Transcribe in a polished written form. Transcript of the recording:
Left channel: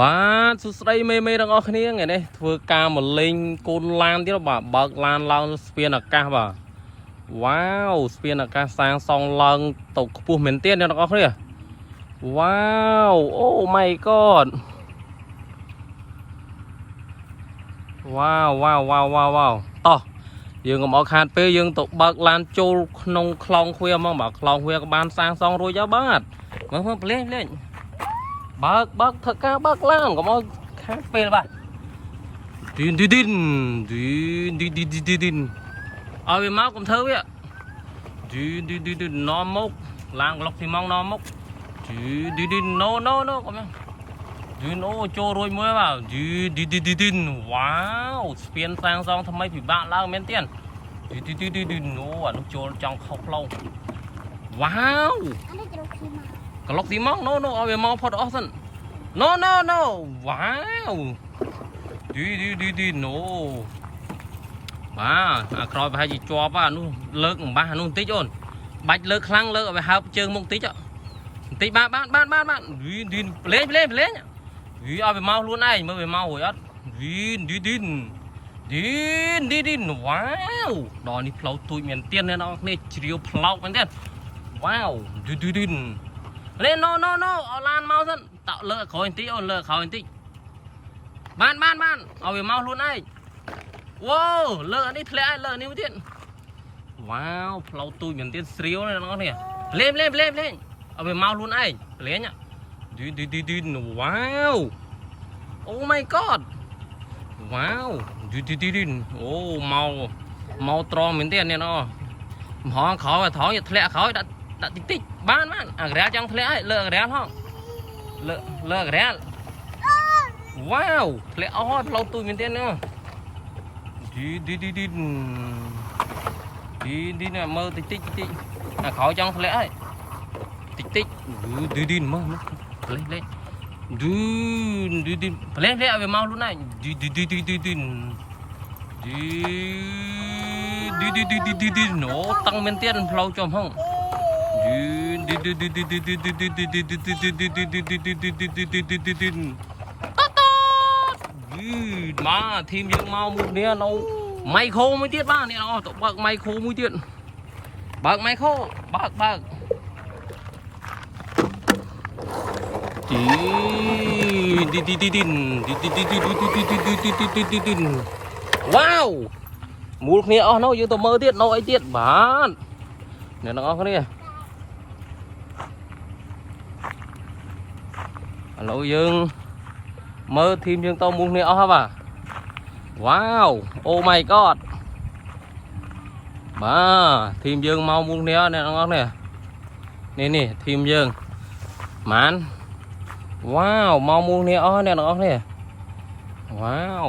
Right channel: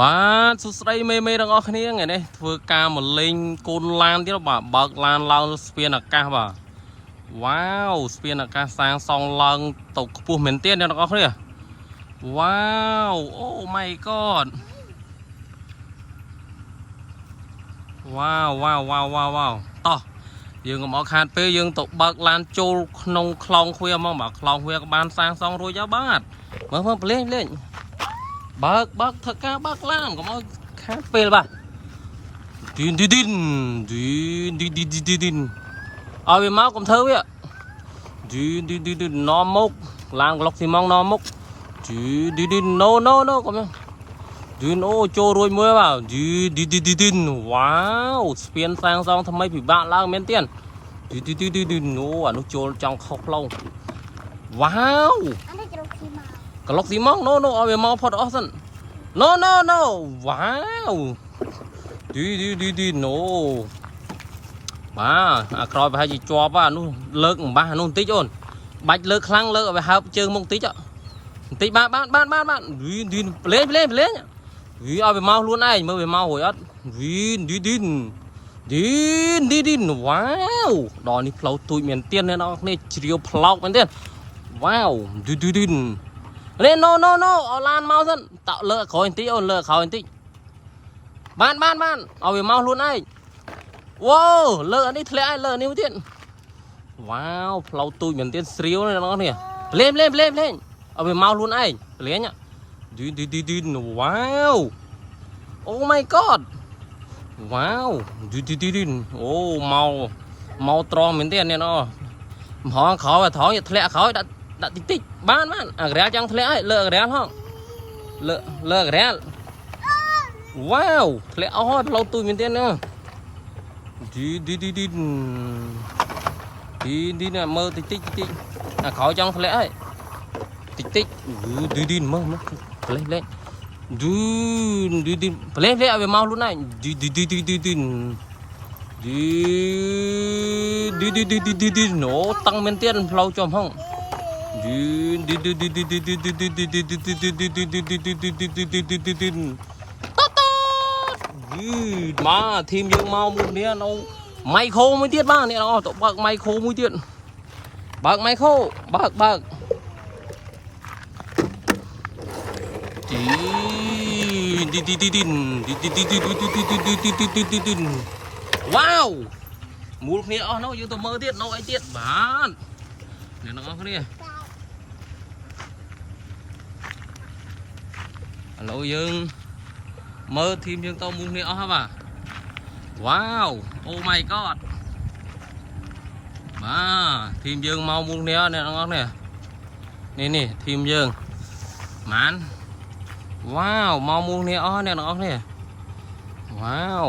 បាទសួស្តីមេទាំងអស់គ្នាថ្ងៃនេះធ្វើការមកលេងកូនឡានទៀតបាទបើកឡានឡើងស្ពានអាកាសបាទវ៉ាវស្ពានអាកាសសាងសង់ឡើងទៅខ្ពស់មែនទែនអ្នកទាំងអស់គ្នាវ៉ាវអូ my god វ៉ាវតោះយើងកុំអត់ខាតពេលយើងទៅបើកឡានចូលក្នុងខ្លោងឃ្វាហ្មងបាទខ្លោងឃ្វាក៏បានសាងសង់រួចហើយបាទមើលលេងបើកធ្វើការបើកឡានកុំឲ្យខាតពេលបាទឌីនឲ្យវាមកកុំធ្វើវាឌីននាំមុខឡានក្លុកស៊ីម៉ងនាំមុខឌីនណូកុំឌីនអូចូលរួចមើលបាទឌីនវ៉ាវស្ពានសាងសង់ថ្មីពិបាកឡើងមែនទេឌីនអូអានោះចូលចង់ខុសផ្លូវវ៉ាវក្លុកស៊ីម៉ងណូឲ្យវាមកផុតអស់សិនណូវ៉ាវឌីណូបាទអាក្រោយប្រហែលជាជាប់អានោះលើកអំបះអានោះបន្តិចអូនបាច់លើកខ្លាំងលើកឲ្យវាហើបជើងមុខបន្តិចបាទឌីនលេងឲ្យវាមកខ្លួនឯងមើលវាមករួចអត់ឌីនវ៉ាវដល់នេះផ្លូវទូចមែនទៀតអ្នកនរគ្នាជ្រាវផ្លោកមែនទៀតវ៉ាវឌីនលេណូឲ្យឡានមកសិនតើលើកក្រោយបន្តិចអូនលើកក្រោយបន្តិចបានឲ្យវាមកខ្លួនឯងវ៉ាវលើកអានេះធ្លាក់ឲ្យលើកនេះទៀតវ៉ាវផ្លូវទូចមែនទៀតស្រាវអ្នកនរគ្នាលេងឲ្យវាមកខ្លួនឯងលេងឌីនវ៉ាវអូ my god វ៉ាវឌីនអូមកត្រង់មែនទេអ្នកនរហងក្រោយឲ្យត្រង់ធ្លាក់ក្រោយដាក់តិចបានអាក្រាលចង់ធ្លាក់ឲ្យលើអាក្រាលហងលើអាក្រាលវ៉ាវធ្លាក់អស់ផ្លូវទូចមែនទេណាឌីនមើលតិចអាក្រោយចង់ធ្លាក់ឲ្យតិចឌីនមើលលេងឌីនលេងឲ្យវាមកខ្លួនឯងឌីនអូតាំងមែនទេផ្លូវចំហងមកធីមយើងមកមួយនេះនៅម៉ៃខូមួយទៀតបាទអ្នកនរទៅបើកម៉ៃខូមួយទៀតបើកម៉ៃខូបើកវ៉ាវមូលគ្នាអស់នោះយើងទៅមើលទៀតនៅអីទៀតបាទអ្នកនរគ្នាឥឡូវយើងមើលធីមយើងទៅមូលគ្នាអស់ហើយបាទវ៉ាវអូ my god បាទធីមយើងមកមូលគ្នាអ្នកនរគ្នានេះធីមយើងម៉ានវ៉ាវមកមូលគ្នាអស់អ្នកនរគ្នាវ៉ាវ